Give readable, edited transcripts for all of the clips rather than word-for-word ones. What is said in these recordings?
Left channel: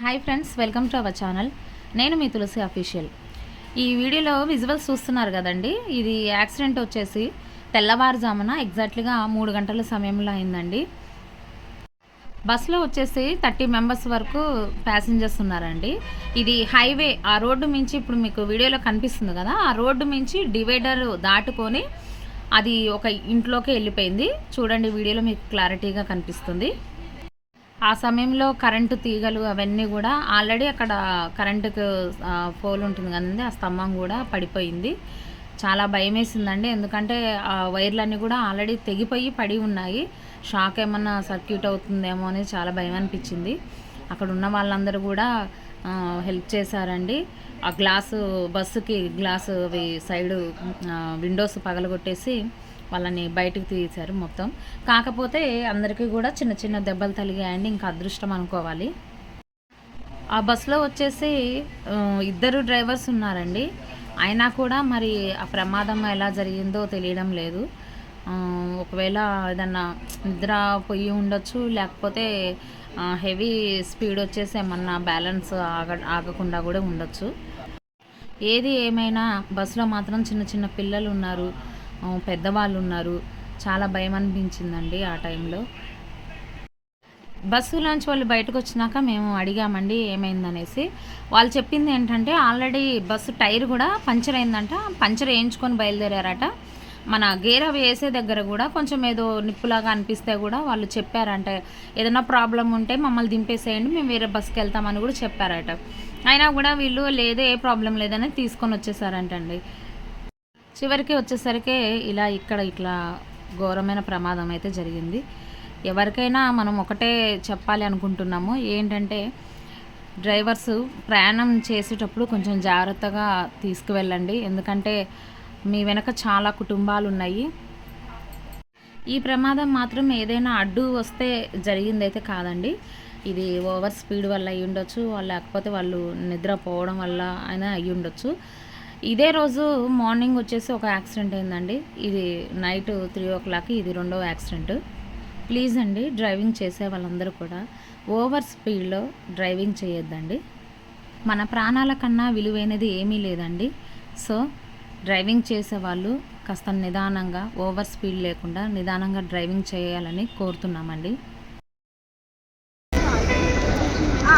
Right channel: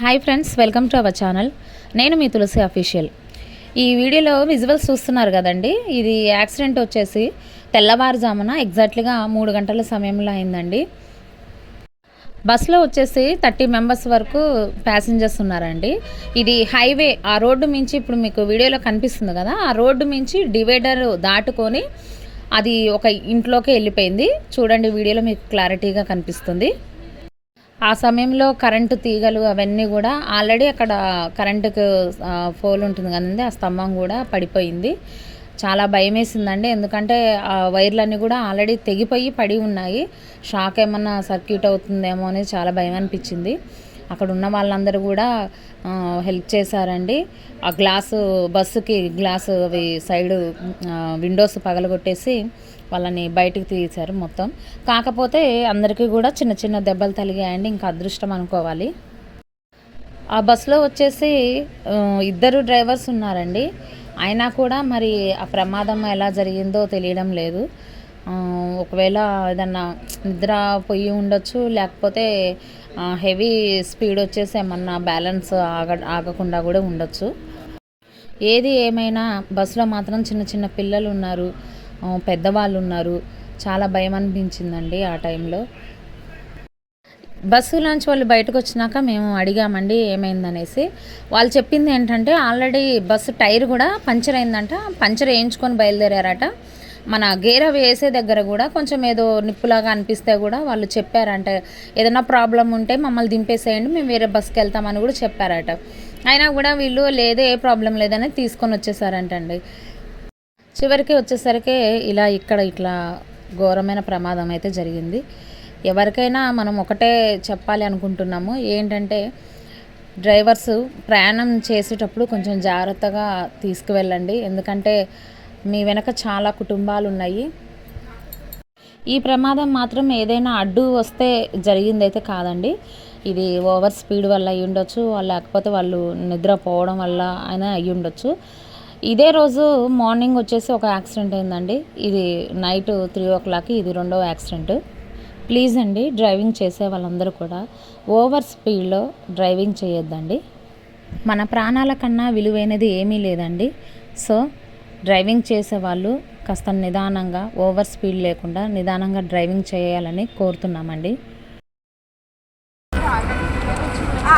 Hi friends, welcome to our channel. నేను మీ తులసి official. ఈ వీడియోలో విజువల్స్ చూస్తున్నారు కదండి. ఇది యాక్సిడెంట్ వచ్చేసి తెల్లవారుజామున ఎగ్జాక్ట్లీగా 3 గంటల సమయంలో అయిందండి. బస్సులో వచ్చేసి 30 మెంబర్స్ వరకు ప్యాసింజర్స్ ఉన్నారండి. ఇది హైవే, ఆ రోడ్డు మించి ఇప్పుడు మీకు వీడియోలో కనిపిస్తుంది కదా, ఆ రోడ్డు మించి డివైడర్ దాటుకొని అది ఒక ఇంట్లోకి వెళ్ళిపోయింది. చూడండి, వీడియోలో మీకు క్లారిటీగా కనిపిస్తుంది. ఆ సమయంలో కరెంటు తీగలు అవన్నీ కూడా ఆల్రెడీ అక్కడ కరెంటుకు పోల్ ఉంటుంది కదండి, ఆ స్తంభం కూడా పడిపోయింది. చాలా భయం వేసిందండి, ఎందుకంటే ఆ వైర్లన్నీ కూడా ఆల్రెడీ తెగిపోయి పడి ఉన్నాయి. షాక్ ఏమన్నా సర్క్యూట్ అవుతుందేమో అనేది చాలా భయం అనిపించింది. అక్కడ ఉన్న వాళ్ళందరూ కూడా హెల్ప్ చేశారండి. ఆ గ్లాసు, బస్సుకి గ్లాసు అవి సైడు విండోస్ పగలగొట్టేసి వాళ్ళని బయటకు తీశారు మొత్తం. కాకపోతే అందరికీ కూడా చిన్న చిన్న దెబ్బలు తగిలాయండి, ఇంకా అదృష్టం అనుకోవాలి. ఆ బస్సులో వచ్చేసి 2 డ్రైవర్స్ ఉన్నారండి. అయినా కూడా మరి ఆ ప్రమాదం ఎలా జరిగిందో తెలియడం లేదు. ఒకవేళ ఏదన్నా నిద్ర పోయి ఉండొచ్చు, లేకపోతే హెవీ స్పీడ్ వచ్చేసి ఏమన్నా బ్యాలెన్స్ ఆగకుండా కూడా ఉండొచ్చు. ఏది ఏమైనా బస్సులో మాత్రం చిన్న చిన్న పిల్లలు ఉన్నారు, పెద్దవాళ్ళు ఉన్నారు. చాలా భయం అనిపించిందండి ఆ టైంలో. బస్సులోంచి వాళ్ళు బయటకు వచ్చినాక మేము అడిగామండి ఏమైందనేసి. వాళ్ళు చెప్పింది ఏంటంటే, ఆల్రెడీ బస్సు టైర్ కూడా పంచర్ అయిందంట. పంచర్ వేయించుకొని బయలుదేరారట. మన గేర్ అవి వేసే దగ్గర కూడా కొంచెం ఏదో నిప్పులాగా అనిపిస్తే కూడా వాళ్ళు చెప్పారంటే, ఏదైనా ప్రాబ్లం ఉంటే మమ్మల్ని దింపేసేయండి, మేము వేరే బస్సుకి వెళ్తామని కూడా చెప్పారట. అయినా కూడా వీళ్ళు లేదు, ఏ ప్రాబ్లం లేదని తీసుకొని వచ్చేసారంటండి. చివరికి వచ్చేసరికి ఇట్లా ఘోరమైన ప్రమాదం అయితే జరిగింది. ఎవరికైనా మనం ఒకటే చెప్పాలి అనుకుంటున్నాము, ఏంటంటే డ్రైవర్స్ ప్రయాణం చేసేటప్పుడు కొంచెం జాగ్రత్తగా తీసుకువెళ్ళండి. ఎందుకంటే మీ వెనక చాలా కుటుంబాలు ఉన్నాయి. ఈ ప్రమాదం మాత్రం ఏదైనా అడ్డు వస్తే జరిగిందైతే కాదండి. ఇది ఓవర్ స్పీడ్ వల్ల అయ్యి ఉండొచ్చు, లేకపోతే వాళ్ళు నిద్రపోవడం వల్ల అయినా అయ్యి ఉండొచ్చు. ఇదే రోజు మార్నింగ్ వచ్చేసి ఒక యాక్సిడెంట్ అయిందండి. ఇది నైట్ 3 o'clock ఇది 2వ యాక్సిడెంట్. ప్లీజ్ అండి, డ్రైవింగ్ చేసే వాళ్ళందరూ కూడా ఓవర్ స్పీడ్లో డ్రైవింగ్ చేయొద్దండి. మన ప్రాణాల కన్నా విలువైనది ఏమీ లేదండి. సో డ్రైవింగ్ చేసేవాళ్ళు కాస్త నిదానంగా, ఓవర్ స్పీడ్ లేకుండా నిదానంగా డ్రైవింగ్ చేయాలని కోరుతున్నామండి.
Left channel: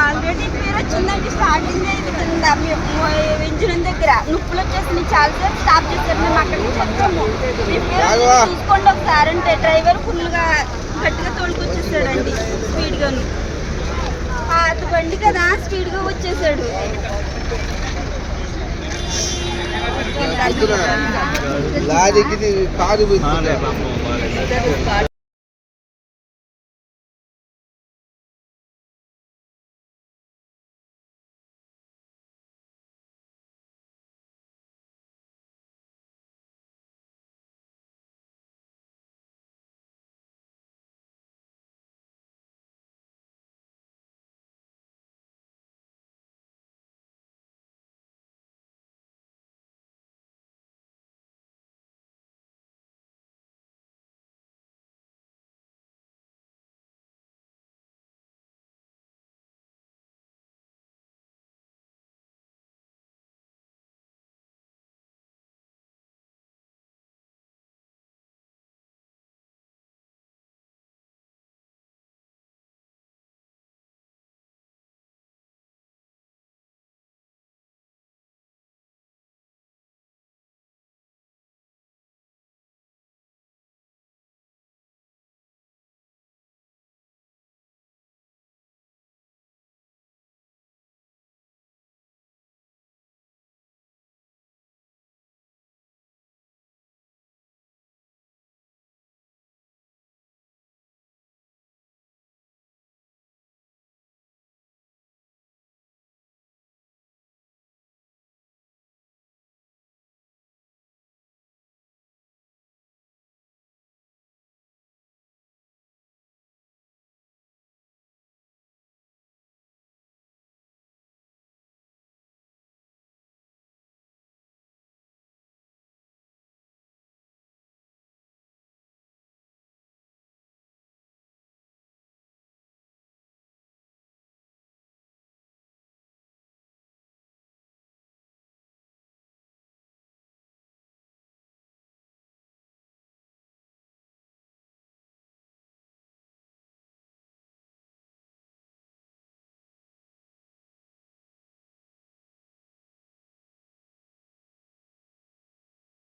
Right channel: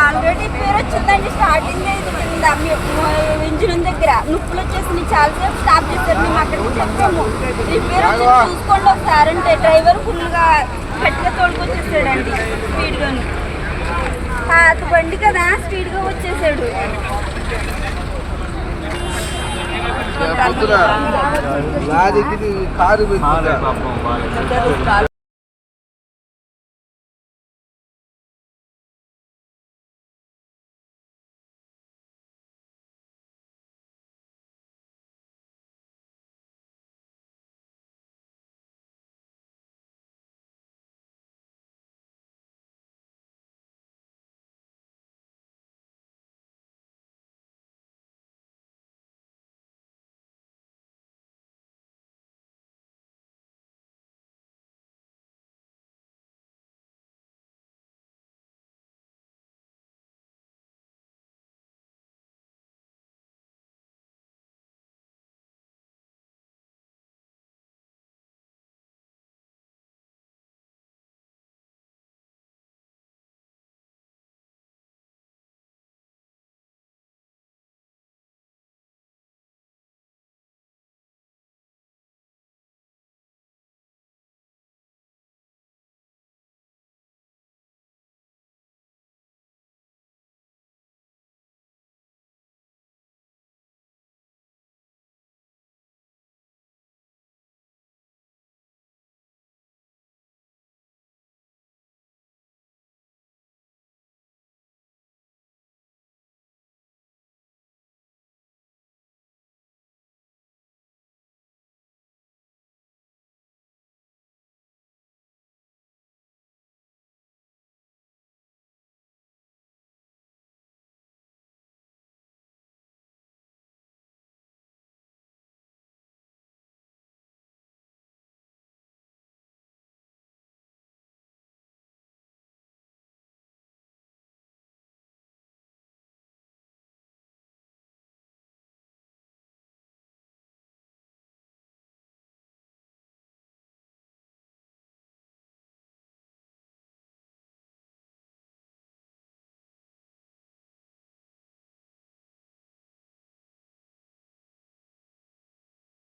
ఆల్రెడీ పేరు వచ్చిందండి. స్టార్టింగ్ ఇంజిన్ దగ్గర నొప్పులు వచ్చేసి చాలాసేపు స్టాప్ చేశారు. మేము అక్కడికి చెప్పాము, చూసుకోండి ఒకసారి అంటే. డ్రైవర్ ఫుల్గా గట్టిగా తోలుకొచ్చేసాడండి, స్పీడ్గాను. పాత బండి కదా, స్పీడ్గా వచ్చేసాడు. కారు